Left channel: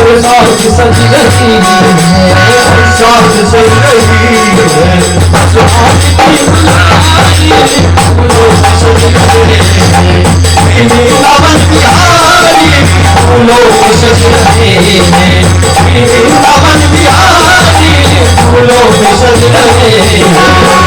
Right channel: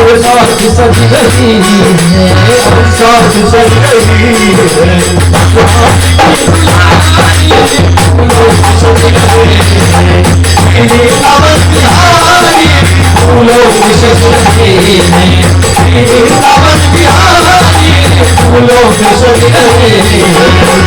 साथ सज रही है, साथ सज रही है, फूलों से सज रहे हैं, मेरे पावन बिहारी फूलों से सज रहे हैं, मेरे पावन बिहारी फूलों से सज रहे हैं।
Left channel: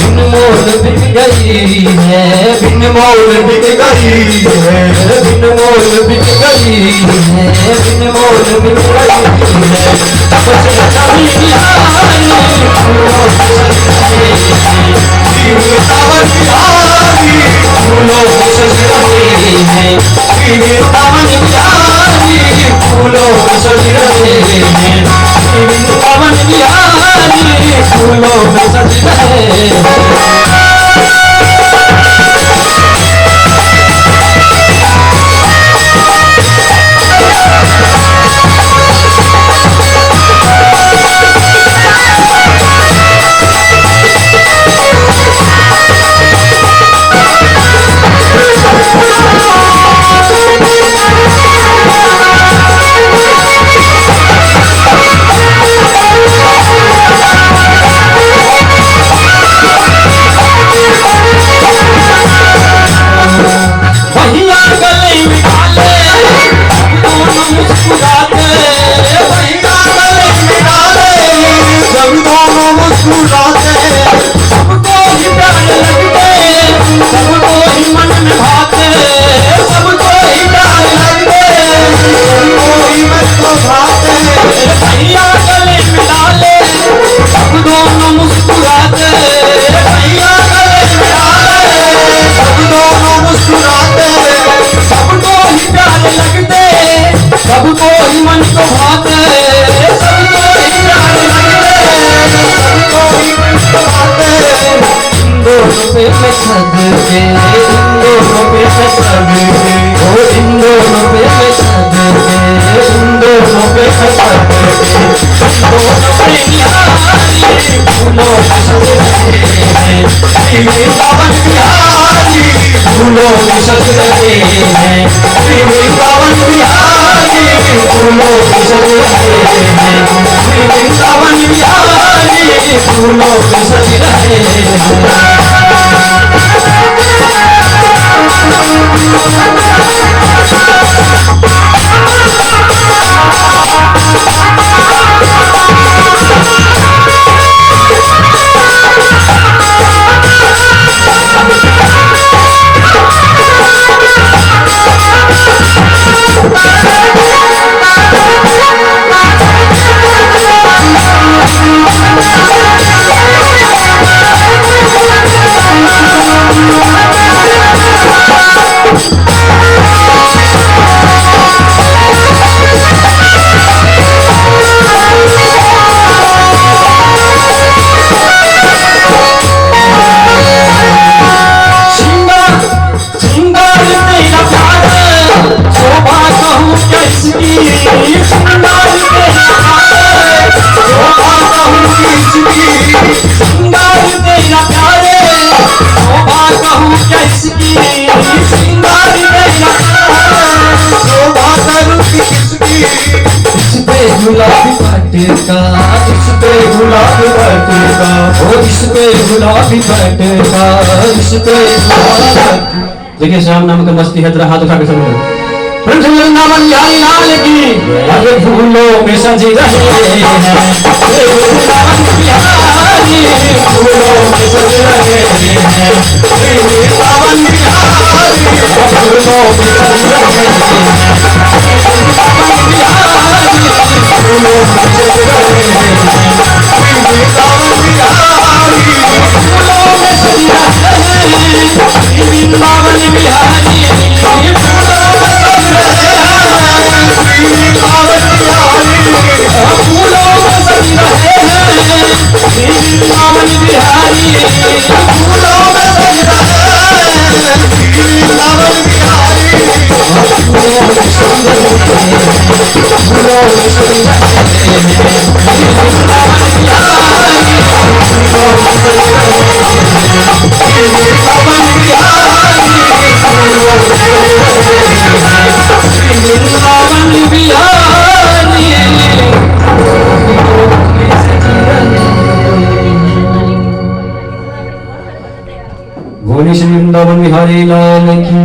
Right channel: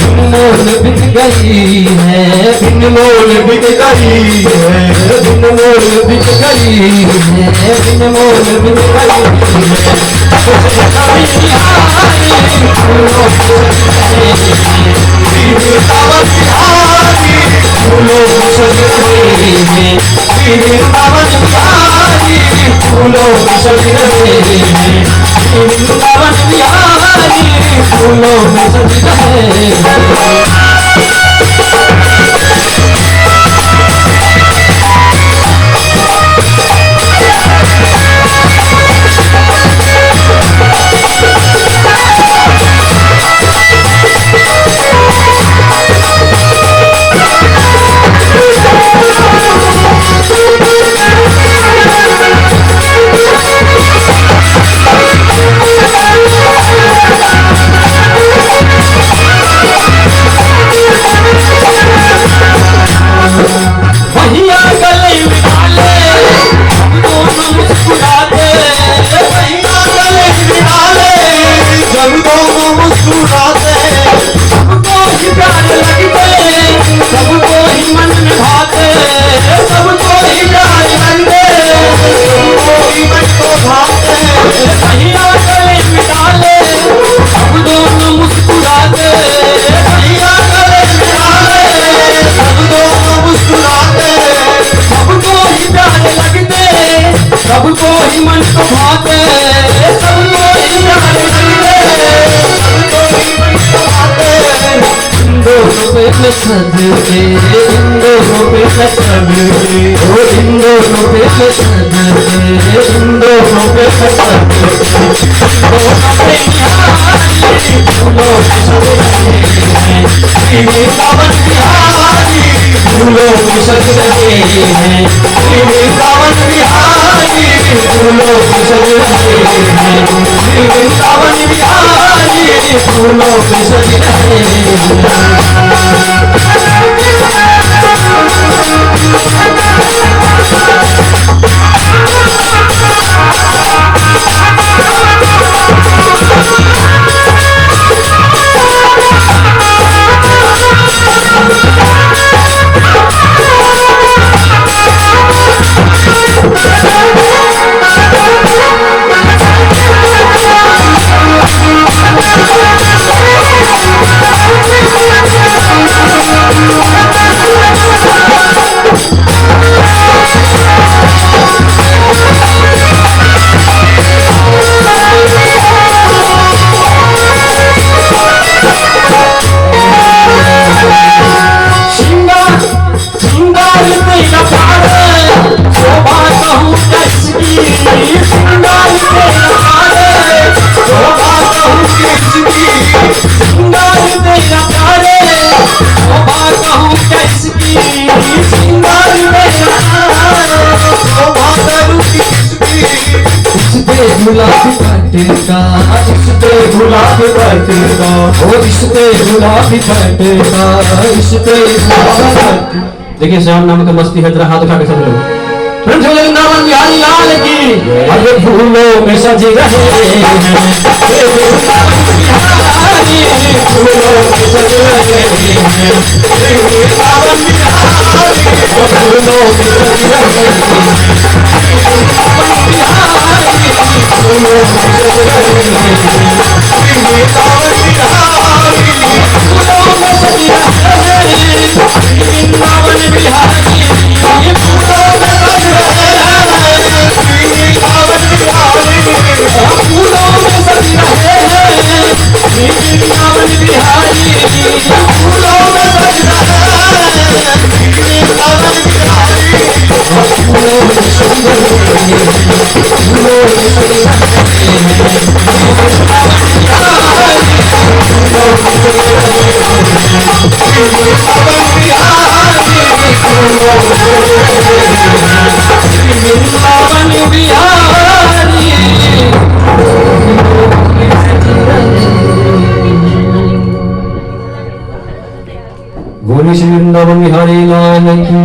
बिन मोल बिक गई है, बिन मोल बिक गई है, बिन मोल बिक गई है, कभी आई फूलों से सज रहे हैं, मेरे पावन बिहारी फूलों से सज रहे हैं, मेरे पावन बिहारी फूलों से सज रहे हैं, मेरे पावन बिहारी फूलों से सज रहे हैं। गुलाबी पटका, इश्क़े गुलाबी पटका, ओ इश्क़े गुलाबी पटका, इश्क़े गुलाबी। देखिए श्याम नाम का मस्ती है, जरा हाथ उठा के सब लोग वृंदावन बिहारी लाल की। अरे फूलों में सज रहे हैं वृंदावन बिहारी, फूलों में सज रहे हैं वृंदावन बिहारी, फूलों में सज रहे हैं वृंदावन बिहारी, फूलों में सज रहे हैं वृंदावन बिहारी, फूलों में सज रहे हैं वृंदावन बिहारी, फूलों में सज रहे हैं वृंदावन बिहारी, फूलों में सज रहे हैं वृंदावन बिहारी, फूलों में सज रहे हैं, फूलों में सज रहे हैं वृंदावन बिहारी, फूलों में सज रहे हैं वृंदावन बिहारी, फूलों में सज रहे हैं वृंदावन बिहारी। बोले श्री वृंदावन बिहारी लाल की।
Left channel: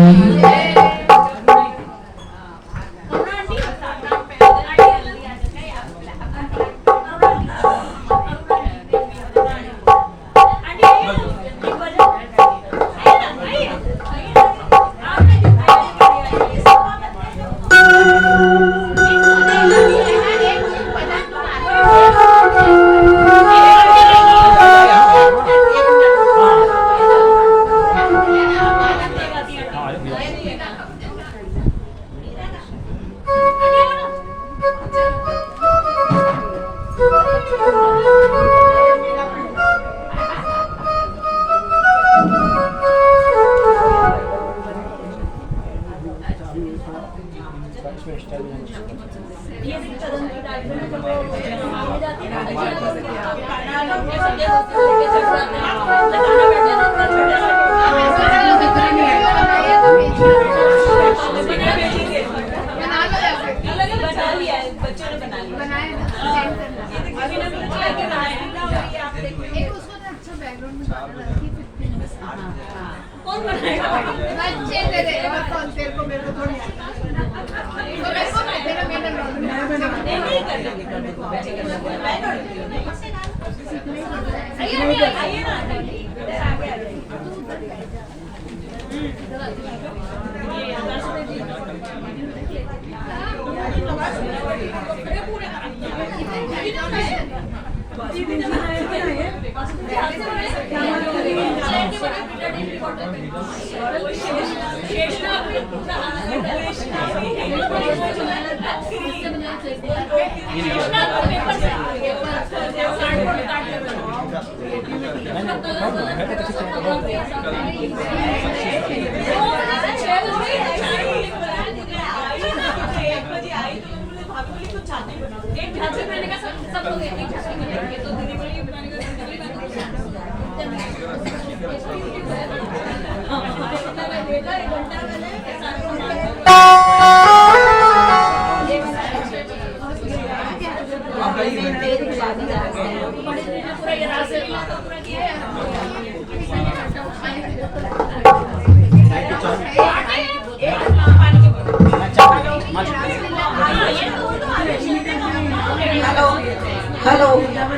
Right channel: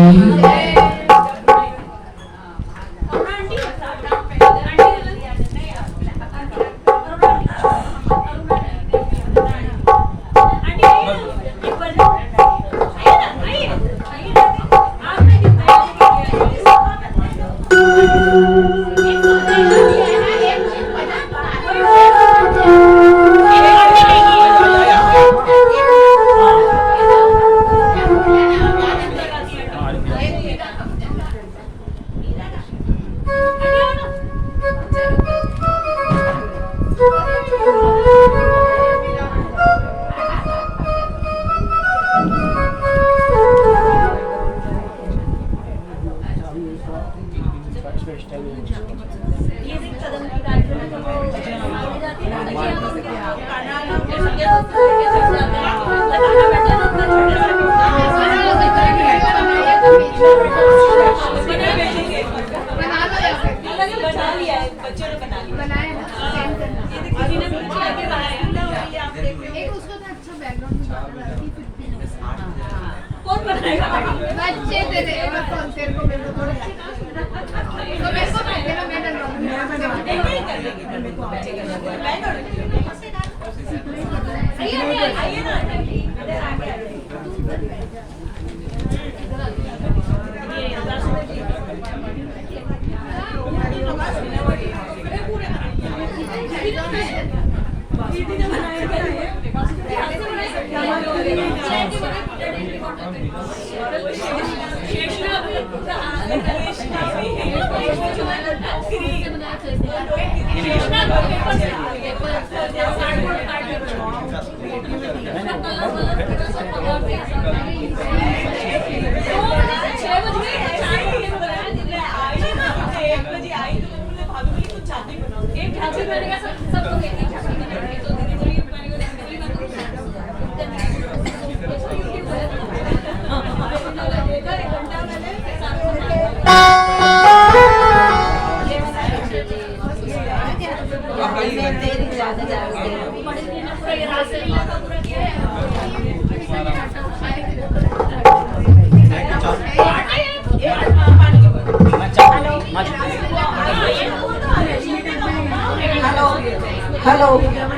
Hello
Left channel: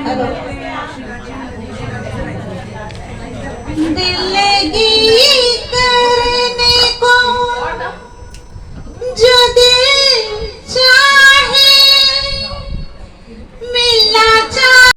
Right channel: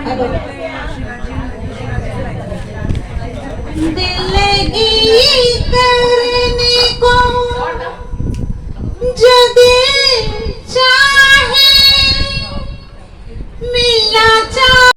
hello